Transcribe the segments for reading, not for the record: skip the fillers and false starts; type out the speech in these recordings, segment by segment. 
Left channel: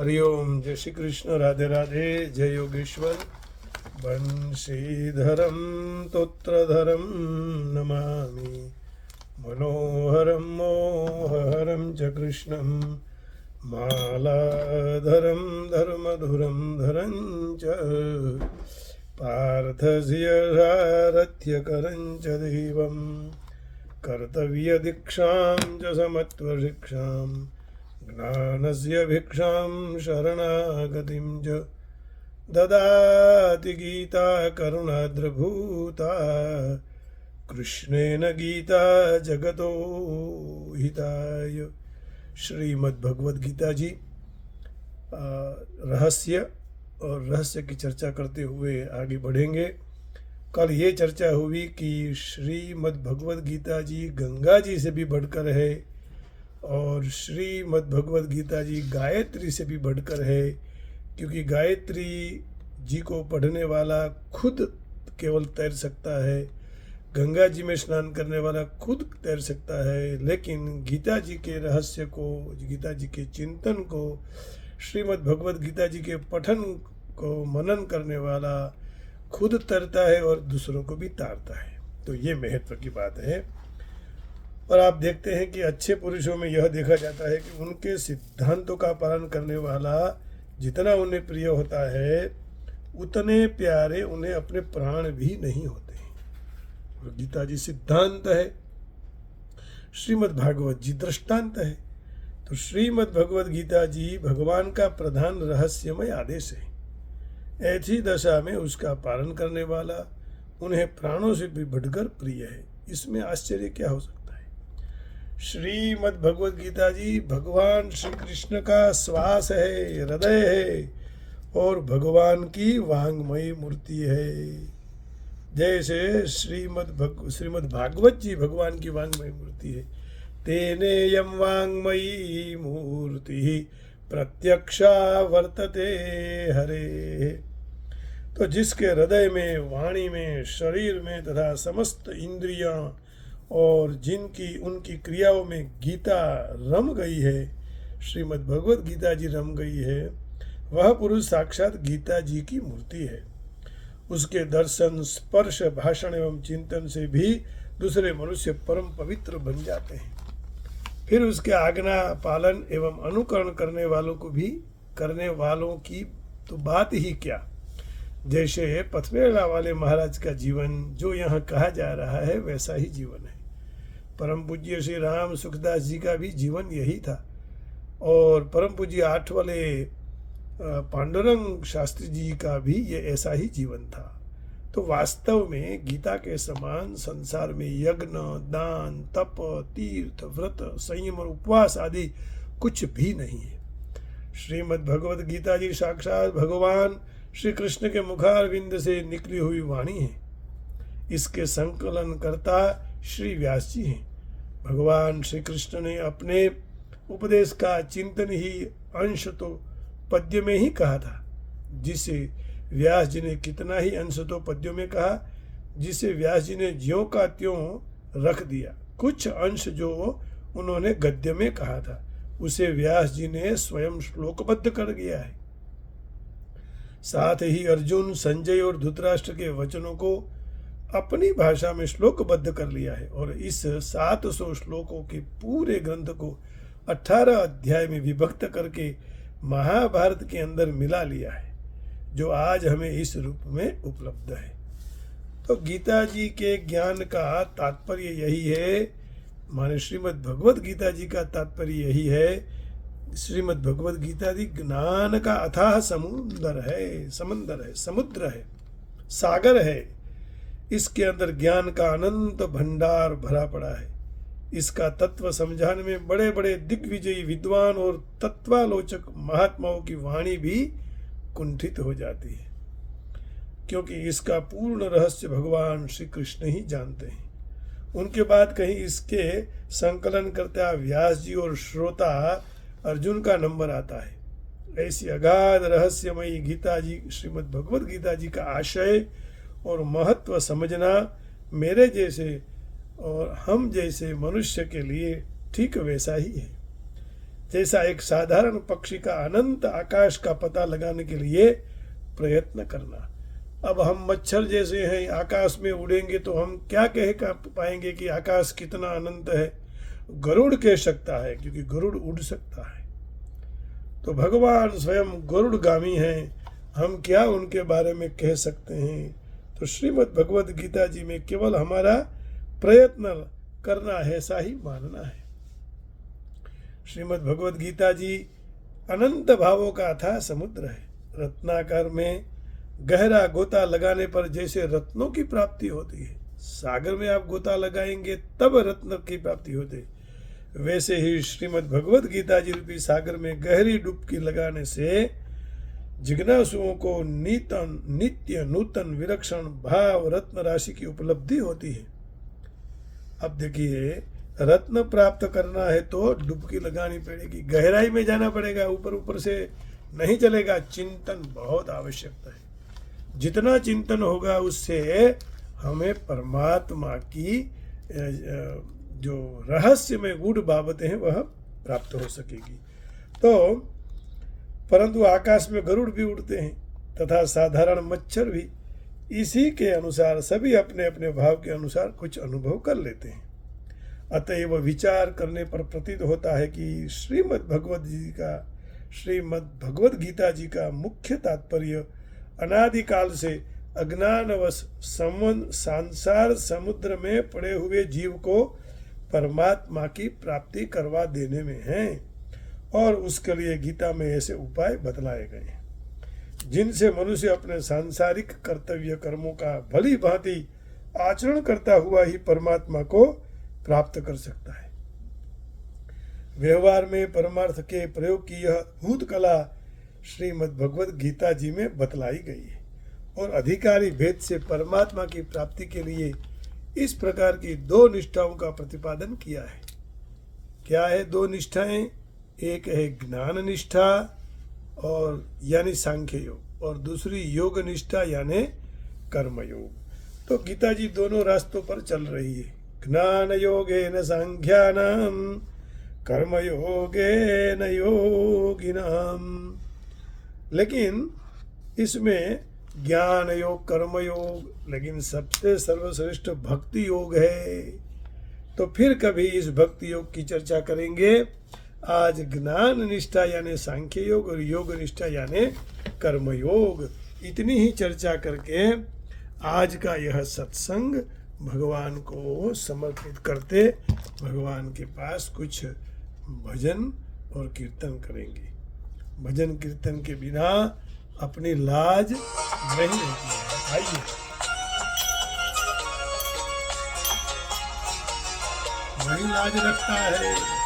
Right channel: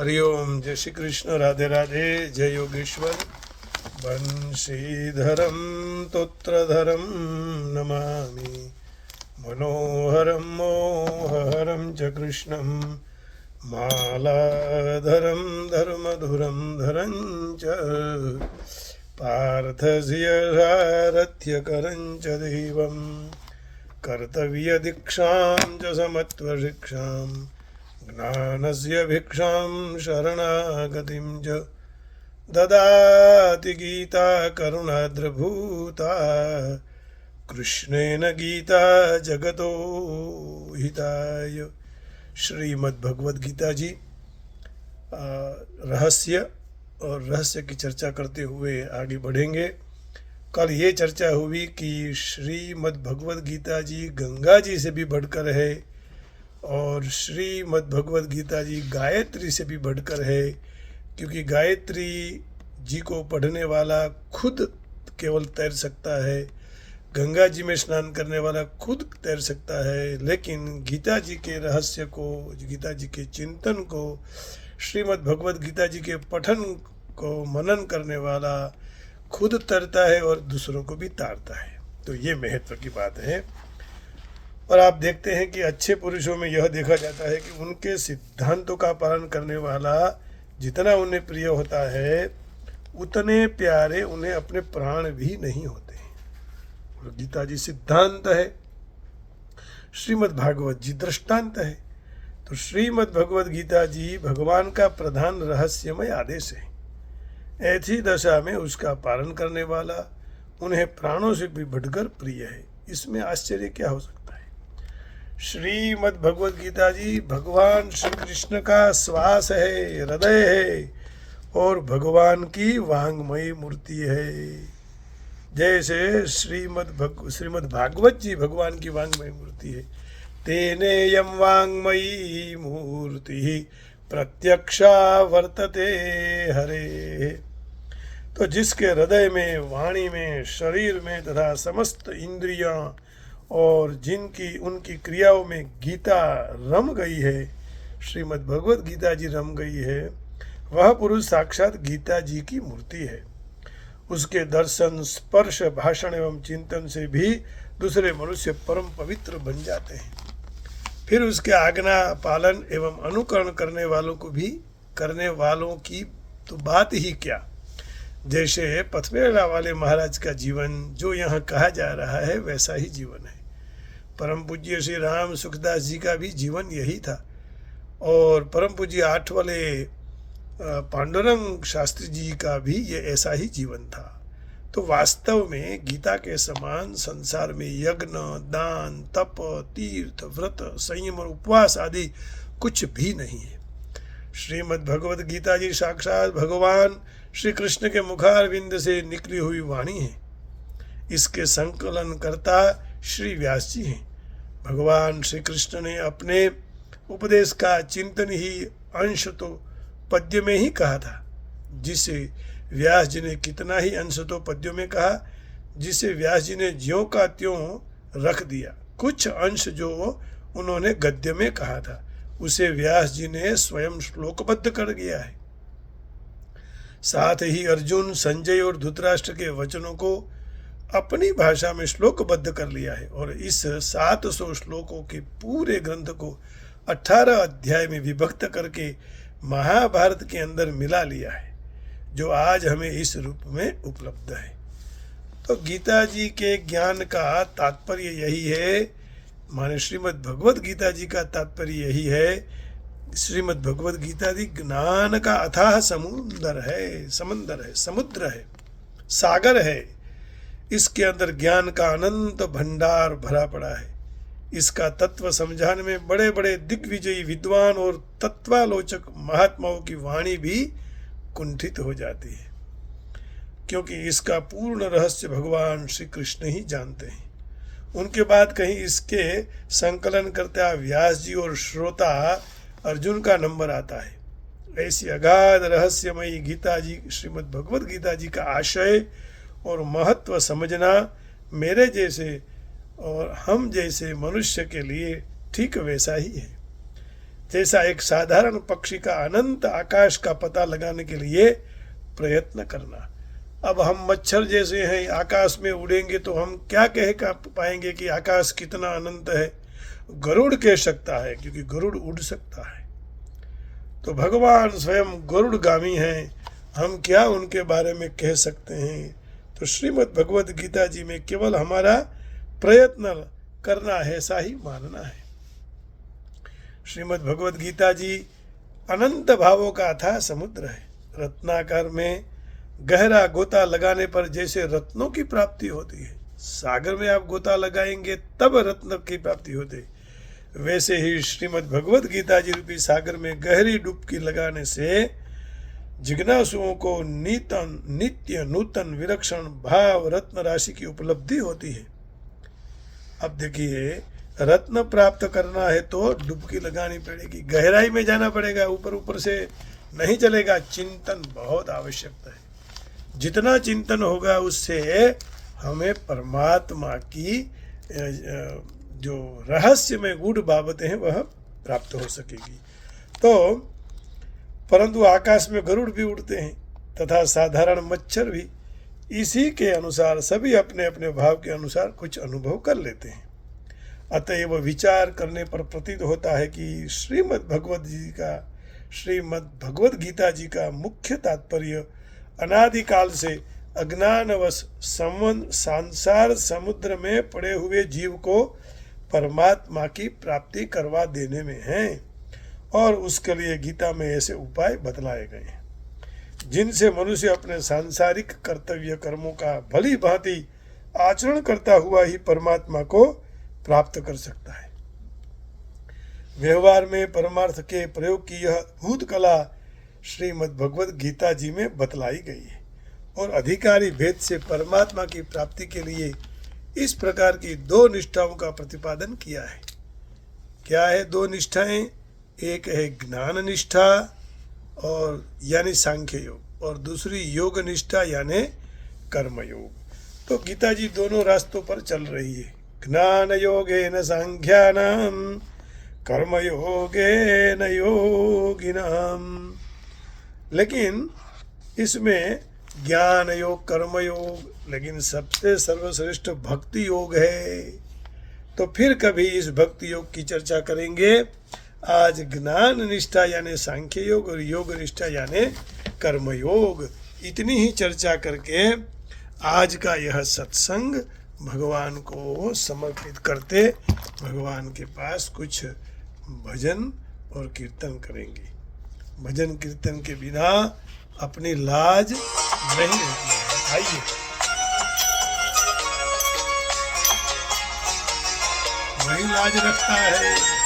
हरिओम। जय श्री कृष्ण। राधे राधे। जय योगेश्वर। बंशीधरम तोत्रधरम नमामि मनोहरम मोहहरं च कृष्णं मालाधरं धर्मधुरं धरं च पार्थस्य सारथ्यकरं च दैवं कर्तव्यदीक्षां च समत्वशिक्षां ज्ञानस्य भिक्षां शरणागतिं च ददाति गीता करुणाद्रभूता कृष्णेन गीता जगतो हिताय। श्रीमद् भगवद गीता जी रहस्य और रहस्य की चर्चा करते हुए आगे बढ़ेंगे। कल ये चर्चा हुई कि श्रीमद् भगवद गीता जी गंगा जी से भी बढ़कर है और श्रीमद् भगवद गीता जी गायत्री से भी बढ़कर है, क्योंकि गायत्री जी को पढ़ने वाला खुद केवल तैर सकता है, गंगा जी में स्नान करने वाला खुद तैर सकता है, लेकिन गीता जी के रहस्य को, गीता जी के चिंतन को, श्रीमद् भगवद गीता जी के पठन को मनन करने वाला खुद तैरता है और दूसरों को भी तारता है। तो ये महत्व की बात है। और आप देखते हैं कि अच्छे पुरुषों में यह देखा जाता है कि उनके सिद्धांतों का पालन करने वाला जितना उन्हें प्रिय होता है, उतने प्यारे उन्हें अपने प्राण भी नहीं होते हैं। और गीता जी सिद्धांत है, श्रीमद् भागवत जी दृष्टांत है। तो श्रीमद् भगवद गीता जी भगवान का प्रधान रहस्यमय आदेश है। ऐसी दशा में उसका पालन करने वाला उन्हें प्राणों से भी बढ़कर प्रिय है। इसमें आश्चर्य क्या हो सकता है। श्रीमद् भगवद गीता जी भगवान श्री कृष्ण का श्वास है, हृदय है और भगवान की वांगमयी मूर्ति है। जैसे श्रीमद् भागवत जी भगवान की वांगमयी मूर्ति है। तेनेयं वांगमयी मूर्ति प्रत्यक्षा वर्तते हरे। तो जिसके हृदय में, वाणी में, शरीर में तथा समस्त इंद्रियां और जिनकी उनकी क्रियाओं में गीता रम गई है, श्रीमद् भगवद गीता जी रम गई है, वह पुरुष साक्षात गीता जी की मूर्ति है। उसके दर्शन, स्पर्श, भाषण एवं चिंतन से भी दूसरे मनुष्य परम पवित्र बन जाते हैं। फिर उसके आज्ञा पालन एवं अनुकरण करने वालों की तो बात ही क्या। जैसे पथमेला वाले महाराज का जीवन जो यहाँ कहा जा रहा है, वैसा ही जीवन है। परम पूज्य श्री राम सुखदास जी का भी जीवन यही था और परम पूज्य 8 वाले पांडुरंग शास्त्री जी का भी ये ऐसा ही जीवन था। तो वास्तव में गीता के समान संसार में यज्ञ, दान, तप, तीर्थ, व्रत, संयम और उपवास आदि कुछ भी नहीं है। श्रीमद् भगवद गीता जी साक्षात भगवान श्री कृष्ण के मुखारविंद से निकली हुई वाणी है। इसके संकलन करता श्री व्यास जी हैं। भगवान श्री कृष्ण ने अपने उपदेश का चिंतन ही अंश तो पद्य में ही कहा था, जिसे व्यास जी ने कितना ही अंश तो पद्यों में कहा, जिसे व्यास जी ने ज्यों का त्यों रख दिया। कुछ अंश जो उन्होंने गद्य में कहा था, उसे व्यास जी ने स्वयं श्लोकबद्ध कर दिया है। साथ ही अर्जुन, संजय और धृतराष्ट्र के वचनों को अपनी भाषा में श्लोकबद्ध कर लिया है और इस 700 श्लोकों के पूरे ग्रंथ को 18 अध्याय में विभक्त करके महाभारत के अंदर मिला लिया है, जो आज हमें इस रूप में उपलब्ध है। तो गीता जी के ज्ञान का तात्पर्य यही है, माने श्रीमद् भगवद गीता जी का तात्पर्य यही है। श्रीमद् भगवद गीता जी ज्ञान का अथाह समुद्र है, सागर है। इसके अंदर ज्ञान का अनंत भंडार भरा पड़ा है। इसका तत्व समझाने में बड़े बड़े दिग्विजयी विद्वान और तत्वालोचक महात्माओं की वाणी भी कुंठित हो जाती है, क्योंकि इसका पूर्ण रहस्य भगवान श्री कृष्ण ही जानते हैं। उनके बाद कहीं इसके संकलन करता व्यास जी और श्रोता अर्जुन का नंबर आता है। ऐसी अगाध रहस्यमयी गीता जी, श्रीमद् भगवद गीता जी का आशय और महत्व समझना मेरे जैसे और हम जैसे मनुष्य के लिए ठीक वैसा ही है। जैसा एक साधारण पक्षी का अनंत आकाश का पता लगाने के लिए प्रयत्न करना। अब हम मच्छर जैसे हैं, आकाश में उड़ेंगे तो हम क्या कह पाएंगे कि आकाश कितना अनंत है? गरुड़ कह सकता है, क्योंकि गरुड़ उड़ सकता है। तो भगवान स्वयं गरुड़गामी हैं, हम क्या उनके बारे में कह सकते हैं? तो श्रीमद् भगवद गीता जी में केवल हमारा प्रयत्न करना है, ऐसा ही मानना है। श्रीमद् भगवद गीता जी अनंत भावों का अथाह समुद्र है। रत्नाकर में गहरा गोता लगाने पर जैसे रत्नों की प्राप्ति होती है, सागर में आप गोता लगाएंगे तब रत्न की प्राप्ति होती है, वैसे ही श्रीमद् भगवद गीता जी रूपी सागर में गहरी डुबकी लगाने से जिज्ञासुओं को नित्य नूतन विलक्षण भाव रत्न राशि की उपलब्धि होती है। अब देखिए, रत्न प्राप्त करना है तो डुबकी लगानी पड़ेगी, गहराई में जाना पड़ेगा, ऊपर ऊपर से नहीं चलेगा। चिंतन बहुत आवश्यकता है। जितना चिंतन होगा उससे हमें परमात्मा की जो रहस्य में गूढ़ बाबतें हैं वह प्राप्त हो सकेगी। तो परंतु आकाश में गरुड़ भी उड़ते हैं तथा साधारण मच्छर भी इसी के अनुसार सभी अपने अपने भाव के अनुसार कुछ अनुभव कर लेते हैं। अतएव विचार करने पर प्रतीत होता है कि श्रीमद् भगवद गीता जी का मुख्य तात्पर्य अनादिकाल से अज्ञानवश संसार समुद्र में पड़े हुए जीव को परमात्मा की प्राप्ति करवा देने में है, और उसके लिए गीता में ऐसे उपाय बतलाए गए हैं जिनसे मनुष्य अपने सांसारिक कर्तव्य कर्मों का भली भांति आचरण करता हुआ ही परमात्मा को प्राप्त कर सकता है। व्यवहार में परमार्थ के प्रयोग की यह अद्भुत कला श्रीमद् भगवद गीता जी में बतलाई गई है, और अधिकारी भेद से परमात्मा की प्राप्ति के लिए इस प्रकार की दो निष्ठाओं का प्रतिपादन किया है। क्या है दो निष्ठाएं? एक है ज्ञान निष्ठा और यानी सांख्य योग, और दूसरी योग निष्ठा यानी कर्म योग। तो गीता जी दोनों रास्तों पर चल रही है। ज्ञान योगेन सांख्यानाम कर्म योगेन योगिनाम। लेकिन इसमें ज्ञान योग, कर्म योग, लेकिन सबसे सर्वश्रेष्ठ भक्ति योग है। तो फिर कभी इस भक्ति योग की चर्चा करेंगे। आज ज्ञान निष्ठा यानी सांख्य योग और योग निष्ठा यानी कर्म योग, इतनी ही चर्चा करके आज का यह सत्संग भगवान को समर्पित करते भगवान के पास कुछ भजन और कीर्तन करेंगे। भजन कीर्तन के बिना अपनी लाज नहीं रहती है। आइए वही लाज रखता है।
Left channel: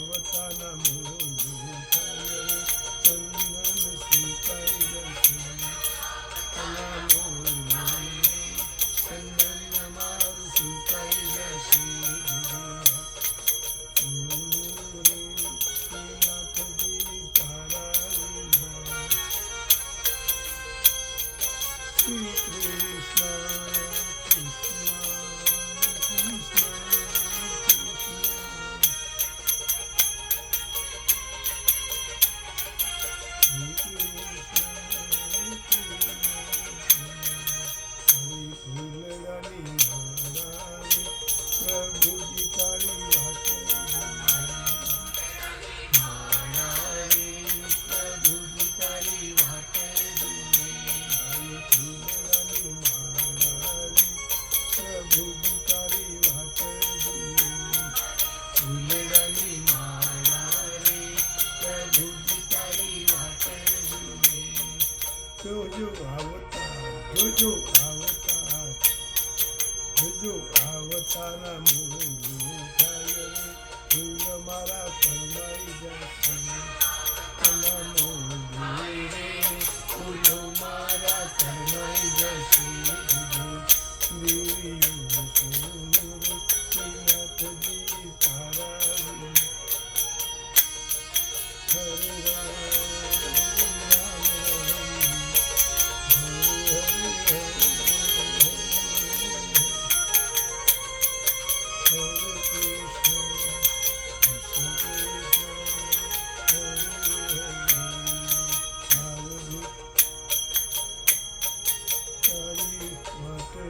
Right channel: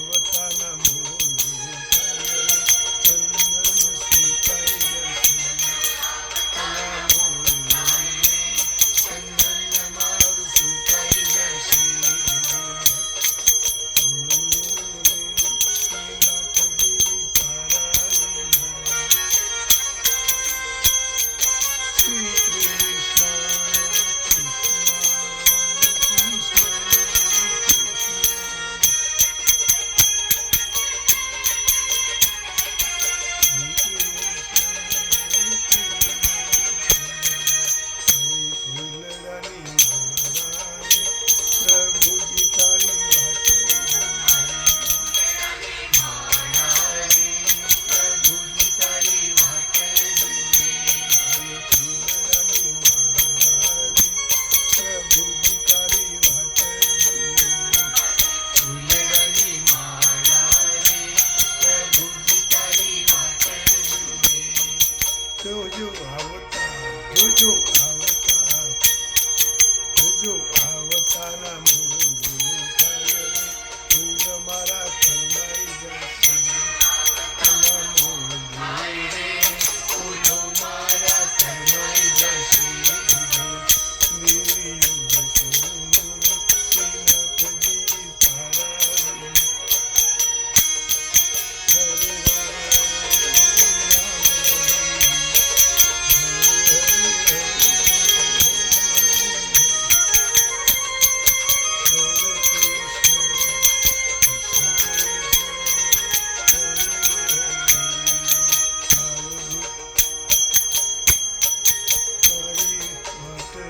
આવતાના મોડું થાય રે ચંદન સુકાઈ જશે ના મોડું ચંદન મારું સુકાઈ જશે રે શ્રીનાથજી તારા વિના શ્રી કૃષ્ણ પ્રભુજી તારી વાત પ્રભુજી તારી વાત ફૂલડાની માળા પ્રભુજી તારી વાત ફૂલડાની માળા પ્રભુજી તારી વાત જોજો આવતા જોજો આવતા જોજો આવતાના મોડું થાય રે ફૂલ મારા કરમાઈ જશે ના મોડું રે ફૂલ મારા કરમાઈ જશે દેવીઓ સોનું શ્રીનાથજી તારા હરે રામ હરે હરે Hare Krishna, Krishna Krishna, Hare Hare. તારી માટે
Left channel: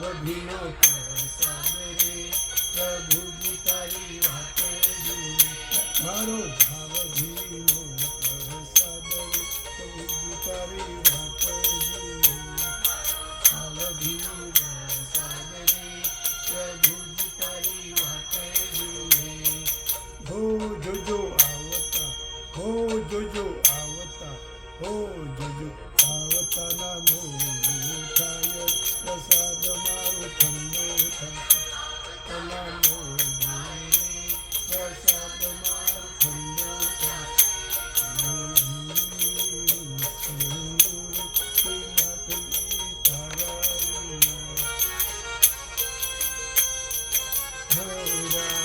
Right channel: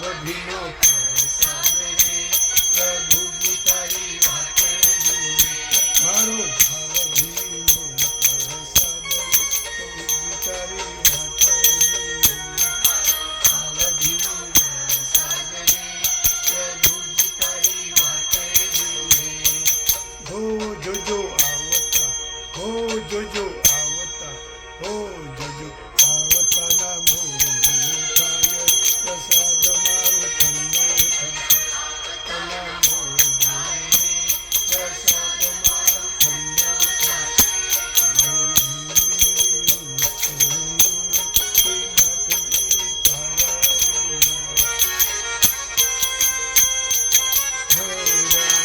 ભવભીનો પ્રસાદ રે પ્રભુજી તારી વાત મારો ભાવભીનો પ્રસાદ રે પ્રભુજી તારી વાત ભાવભીનો પ્રસાદ રે પ્રભુજી તારી વાત હો જોજો આવતા હો જોજો આવતા હો જોજો આવતાના મોડું થાય પ્રસાદ મારો ઠંડો થશે તના મોડું પ્રસાદ મારો ઠંડો થશે શ્રીનાથજી તારા હરે રામ હરે હરે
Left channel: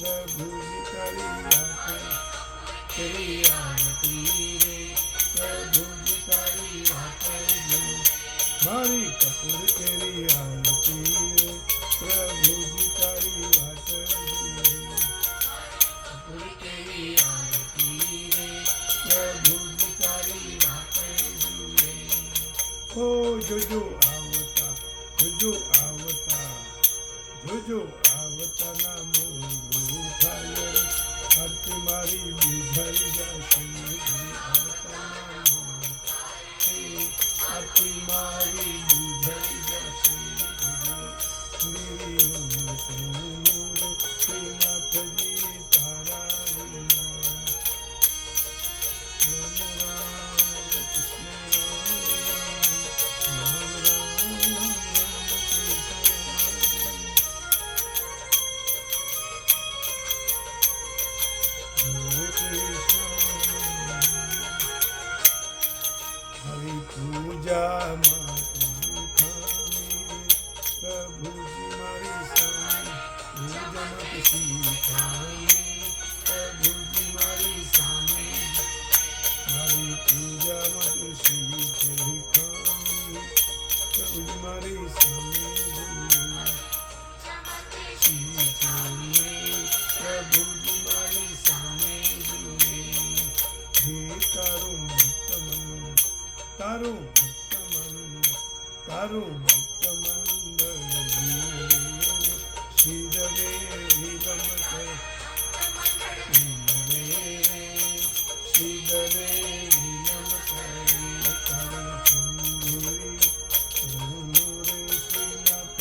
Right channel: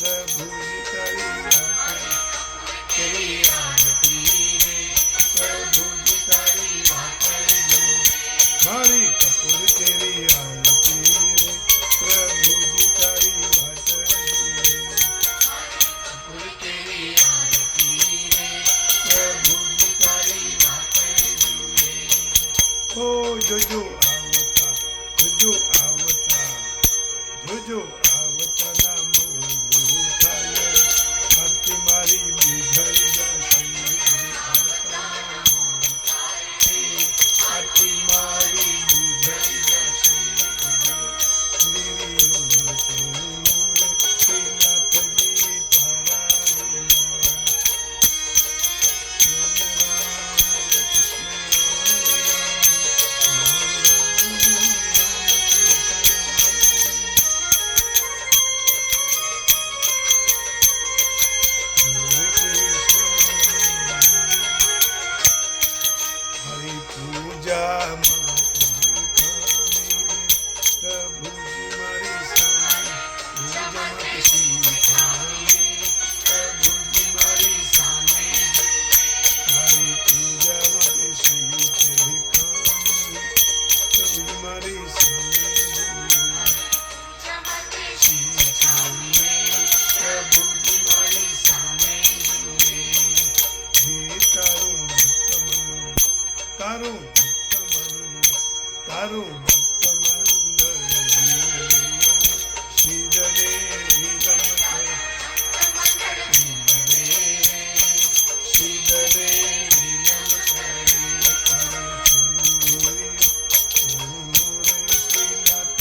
પ્રભુજી તારી વાત તેરી આરતી રે પ્રભુજી તારી વાત મારી કપૂર તેરી આરતી રે પ્રભુજી તારી વાત કપૂર તેરી આરતી રે પ્રભુજી તારી વાત હો જોજો આવતા જોજો આવતા જોજો આવતાના મોડું થાય આરતી મારી બુઝાઈ જશે આરતી મારી બુઝાઈ જશે દેવીઓ સોનું રે શ્રીનાથજી તારા વિના રામ રામ કૃષ્ણ રામ રામ હરે કૃષ્ણ હરિ પૂજા માટે ખામી પ્રભુજી મારી સામે પૂજા માટે શીખામી પ્રભુજી મારી સામે મારી પૂજા માટે શીખે ખામી પ્રભુજી મારી સામે પ્રભુજી મારી સામે હે તારું ભક્ત મન તારું ભક્ત મન તારું ભક્ત મંડળ શિરરે વિલંબ કરે શિરરે વિલંબ કરે તારું ચંદુરી રે શ્રીનાથ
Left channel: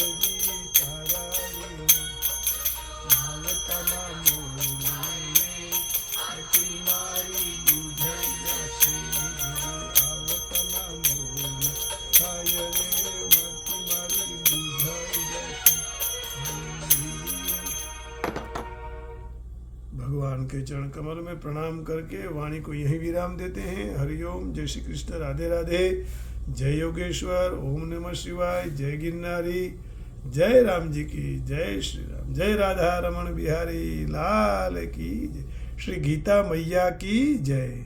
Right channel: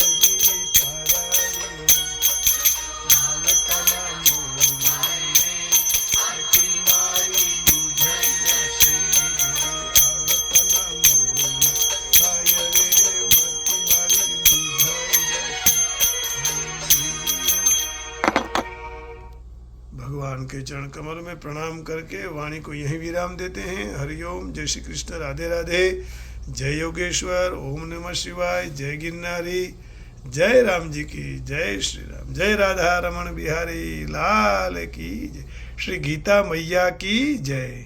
भगवान के चरण कमल में प्रणाम करके वाणी को यहीं विराम देते हैं। हरिओम, जय श्री कृष्ण, राधे राधे, जय योगेश्वर, ओम नमः शिवाय, जय गिरनारी, जय राम जी की जय, श्री राम, जय राधा रमण बिहारी लाल की जय, श्री गीता मैया की जय।